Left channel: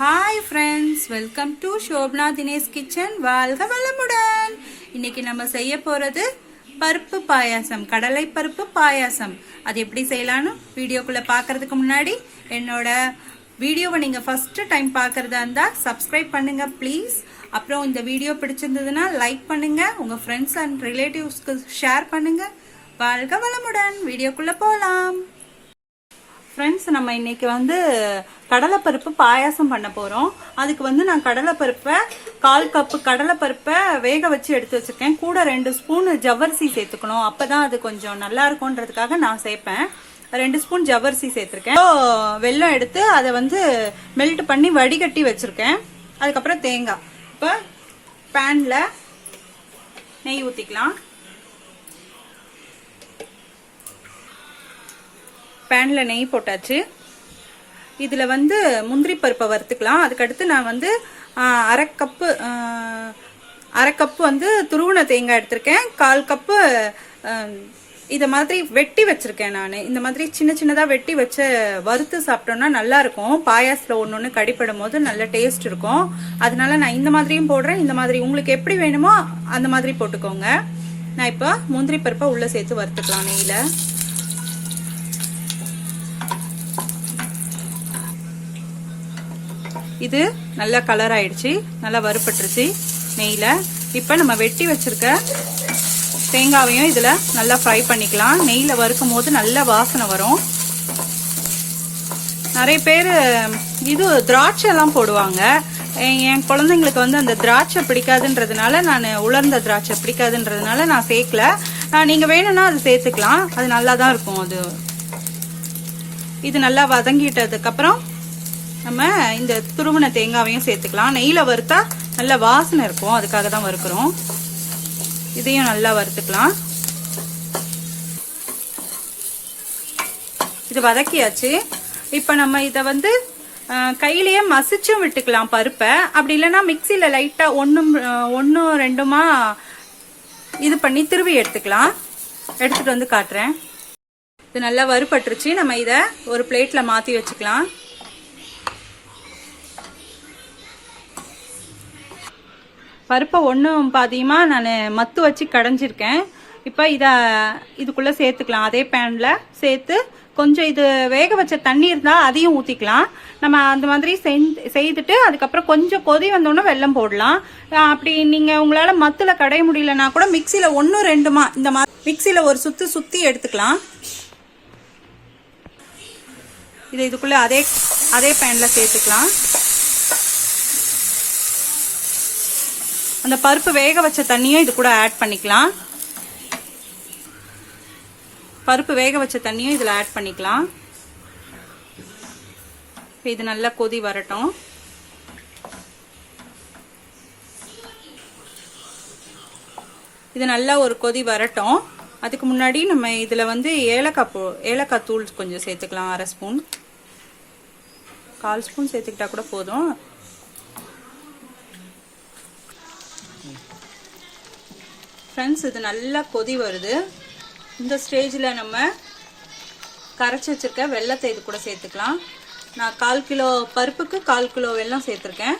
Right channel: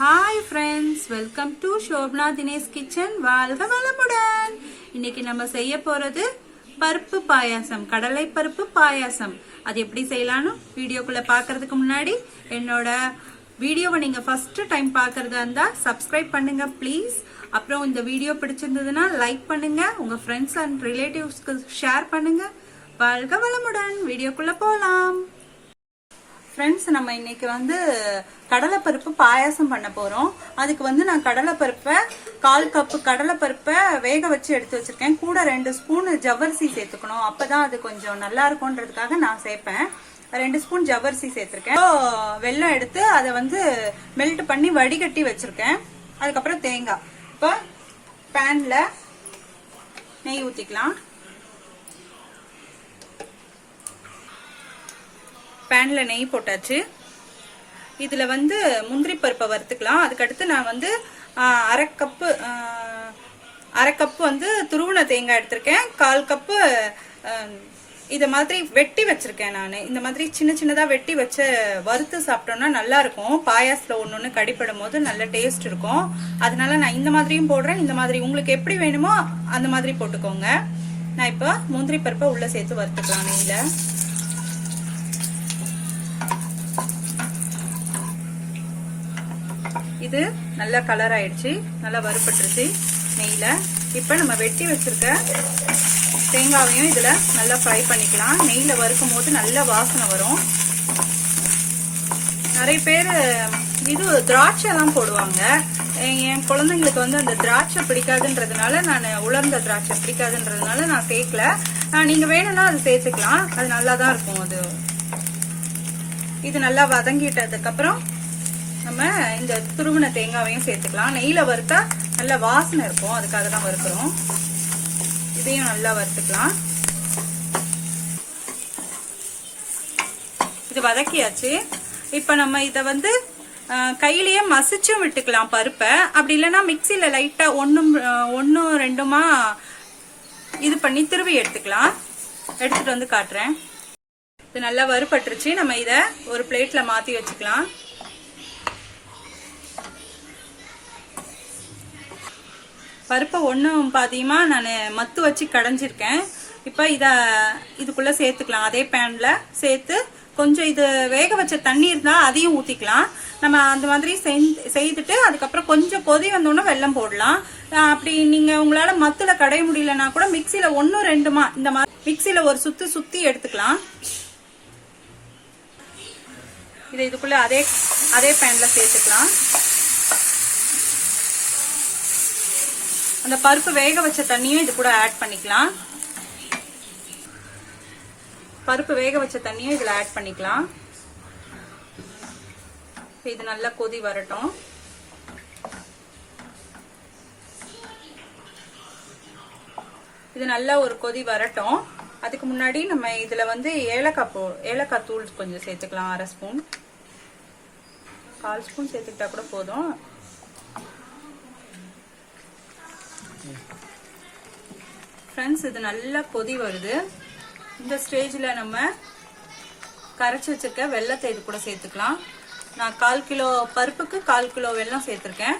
Hi friends, welcome to Shobana Dinesh kitchen. வாழ்க வளமுடன். இன்னைக்கு நம்ம செய்ய போறது பருப்பு பாயாசம், கடலை பருப்பு பாயாசம். அது எப்படி செய்யலாம்னு வீடியோக்குள்ள பாக்குறதுக்கு முன்னாடி என்னோட வீடியோவை நீங்க ஃபர்ஸ்ட் டைம் பாக்குறதா இருந்தா சப்ஸ்கிரைப் பண்ணுங்க ப்ளீஸ். அப்புறம் இந்த வீடியோ பிடிச்சிருந்ததுன்னா லைக் பண்ணுங்க, உங்க ஃப்ரெண்ட்ஸ் அண்ட் ரிலேட்டிவ்ஸ்க்கு ஷேர் பண்ணுங்க. வாழ்க வளமுடன். வீடியோக்குள்ள போலாம். ஃப்ரெண்ட்ஸ், நம்ம இன்னைக்கு கடலைப்பருப்பு பாயாசம் பண்ண போறோம். அதுக்கு நான் கடலைப்பருப்பை 1/4 கப்பு கடலைப்பருப்பை வேக வச்சு எடுத்து வச்சிருக்கேன். கூட 2 ஸ்பூன் ஜவ்வரிசி சேர்த்துக்கணும், அப்பதான் அது கொஞ்சம் நல்லா இருக்கும்ன்றதுக்காக நான் சேர்ப்பேன். 2 ஸ்பூன் ஜவ்வரிசி சேர்த்திருக்கேன். வெல்லம் எடுத்து அதை மெல்ட் பண்ணி வடிகட்டி வச்சிருக்கேன். அதுக்கப்புறம் தேங்காய். இப்ப பேன்ல நெய் ஊத்திக்கலாம். பேன்ல நெய் போட்டாச்சு. இதுல முந்திரி பருப்பை வறுத்துக்கலாம். அதுக்கடுத்து நான் அரை கப்பு துருவன தேங்காய் எடுத்திருக்கேன். 1/4 கப்பு இத மாதிரி வெட்டி வச்சிருக்கேன். நான் இந்த மாதிரி சின்ன சின்னதா வெட்டி வச்சு வறுத்து சாப்பிட்டோம்னா நல்லா இருக்கும். பாயாசத்துல ஒன்னொன்னு கடிப்படும் போது நல்ல டேஸ்ட் இருக்கும். அதனால நான் இந்த மாதிரியும் போடுறேன். இந்த மாதிரி உங்களுக்கு எப்படி வேணுமோ அந்த மாதிரி போட்டுக்கோங்க. நான் இப்ப முந்திரி பருப்பை உள்ள சேர்த்து வறுத்துக்கலாம் நெய்ல. இது நல்லா கலர் ஆயிடுச்சு, நல்லா வறுபட்டுருச்சு நெய்ல. இப்ப நம்ம வெட்டி வச்சிருக்க தேங்காவையும் இதுல நல்லா ஃப்ரை பண்ணிக்கலாம். நெய்ல வறுக்கும் போது நல்ல வாசனை வரும். நிறைய பேர் இது திராட்சை தான் போடுவாங்க. என் குழந்தைங்களுக்கு அந்த திராட்சை பிடிக்காதுன்றதுனால, நான் உலர்ந்த திராட்சை பிடிக்காதுன்றதுனால நான் சேர்க்கல. நீங்க வேணும்னா அது சேர்த்துக்கலாம், அது நல்லா தான் இருக்கும். அது இது நல்லா வதங்கிட்டதுக்கு அப்புறம் நம்ம இந்த துருவன தேங்காவையும் சேர்த்துக்கலாம். நெய்ல வறுத்தா நல்ல வாசனை இருக்கும், அதுக்காக தான் வறுக்கிறோம். இதையும் நல்லா வறுத்துக்கலாம். இது வதக்கியாச்சு. இப்ப நம்ம இத கையிலேயே மசிச்சும் விட்டுக்கலாம் பருப்பை. அப்படி இல்லைன்னா மிக்சியில லைட்டா ஒன்னும் ரெண்டுமா இது பண்ணி திருவி எடுத்துக்கலாம். எடுத்துட்டு காட்டுறேன். இது நல்லா வறுபட்டுருச்சு. நம்ம இத ஒரு பிளேட்ல மாத்தி வச்சுக்கலாம். பருப்பை ஒன்றும் பாதியமா நான் மத்து வச்சு கடைஞ்சிருக்கேன். இப்போ இதுக்குள்ள சேர்த்துக்கலாம். அதே பேன்ல சேர்த்து கொஞ்சம் இது வேக வச்ச தண்ணி இருந்தா அதையும் ஊத்திக்கலாம். நம்ம அந்த மாதிரி செய்துட்டு அதுக்கப்புறம் கொஞ்சம் கொதி வந்தோன்னா வெல்லம் போடலாம். அப்படி நீங்க உங்களால மத்துல கடைய முடியலன்னா கூட மிக்சியில 1-2 இந்த மாதிரி மிக்சியில ஒரு சுத்தி எடுத்துக்கலாம். இதை இதுக்குள்ள அதே பேன்ல சேர்த்துக்கலாம். அந்த பருப்பு வேக வச்ச தண்ணியும் இது கூட ஆட் பண்ணிக்கலாம். பருப்பு வேக வச்ச தண்ணியும் இதுல ஆட் பண்ணிக்கலாம். இது நல்லா கொதி வரட்டும். இது நல்லா ஒரு கொதி வரட்டும். அதுக்கு முன்னாடி நம்ம இதுல ஏலக்காய் தூள் கொஞ்சம் சேர்த்துக்கலாம். 1/2 ஸ்பூன், 1/4 ஸ்பூன் சேர்த்துக்கிட்டா கூட போதும். ஃப்ரெண்ட்ஸ், இது நல்லா கொதி வருது. இந்த ஸ்டேஜில் நம்ம கரைச்சி வச்சிருக்க வெல்லத்தை இது கூட சேர்த்துக்கலாம். நான் 1/4 கிலோ பருப்புக்கு 1/4 கிலோ வெல்லம் சேர்த்துருக்கேன்.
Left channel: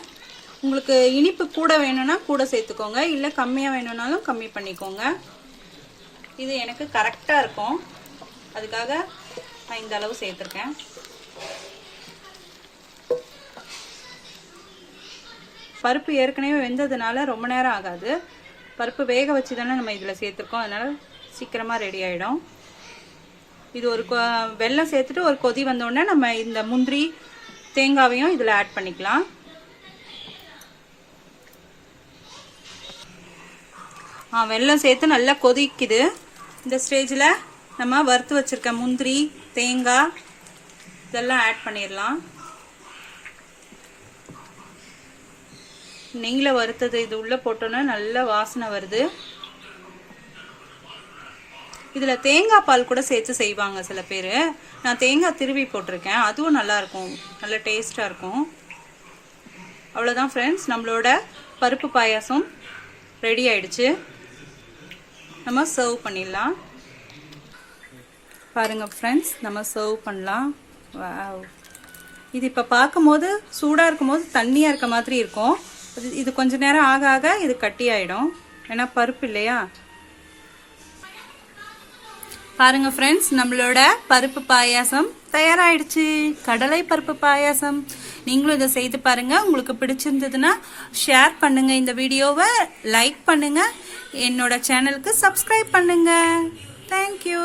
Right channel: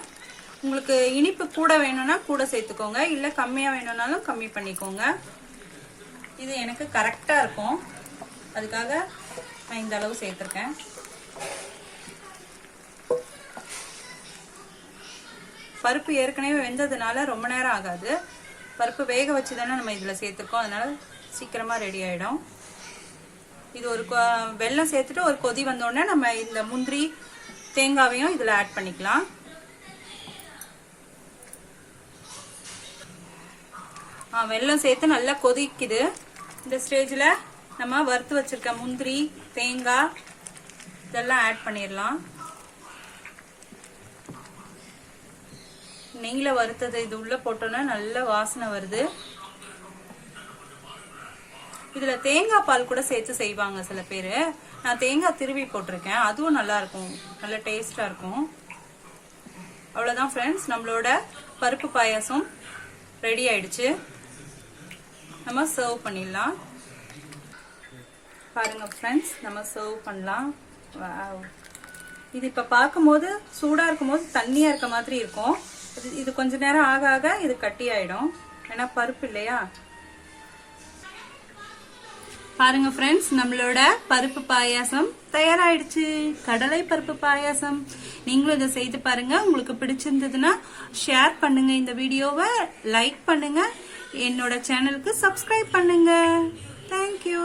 உங்களுக்கு இனிப்பு கூட வேணும்னா கூட சேர்த்துக்கோங்க, இல்லை கம்மியாக வேணும்னாலும் கம்மி பண்ணிக்கோங்க. இது எனக்கு கரெக்டாக இருக்கும், அதுக்காக நான் இந்த அளவு சேர்த்துருக்கேன். பருப்பு ஏற்கனவே வெந்ததுனால ரொம்ப நேரம் ஆகாது. பருப்பு வேக வச்சு தானே நம்ம இதில் சேர்த்துருக்கோம், அதனால சீக்கிரமா ரெடி ஆயிடும். இது ஒரு வெல்லம் சேர்த்துட்டு ஒரு கொதி வந்தோடனே நம்ம இந்த முந்திரி தேங்காவையும் இதில் ஆட் பண்ணிக்கலாம். வெல்லம் சேர்த்து நல்லா கொதிக்குது. இந்த ஸ்டேஜில் நம்ம வறுத்து வச்சிருக்க முந்திரி தேங்காய் இதெல்லாம் ஆட் பண்ணிடலாம். நெய்ல வறுத்தது இது உள்ள போட்டோன்னா நல்ல வாசனை வருது. இதுல தேங்காய் பால் கூட சேர்த்து செய்வாங்க சில பேரு. நான் தேங்காய் திருவி போட்டிருக்கேன், அதுவும் நல்லா இருக்கும், நல்ல டேஸ்டா இருக்கும். அவ்வளவுதான் ஃப்ரெண்ட்ஸ், நம்மளோட பருப்பு பாயாசம் ரெடி ஆயிடுச்சு. நம்ம சர்வ் பண்ணிடலாம். பாருங்க ஃப்ரெண்ட்ஸ், நம்ம சர்வ் பண்ணலாம். வாவ், இது இப்போ பார்க்கும்போது சூடாக இருக்கும்போது தண்ணியாக இருக்க மாதிரி இருக்கும். இது கொஞ்ச நேரம் ஆக ஆக இது கட்டியாயிடும், ஏன்னா பருப்பு இல்லையா. பாருங்க ஃப்ரெண்ட்ஸ், நம்மளோட பருப்பு பாயாசம் தயாராயிடுச்சு. கடலை பருப்பு பாயாசம். நீங்களும் இதை செய்து பாருங்க. உங்களுக்கு பிடிச்சிருந்ததுன்னா ஷேர் பண்ணுங்க, இந்த வீடியோவை லைக் பண்ணுங்க, என்னோட சேனலுக்கு சப்ஸ்கிரைப் பண்ணுங்க. தேங்க்யூ.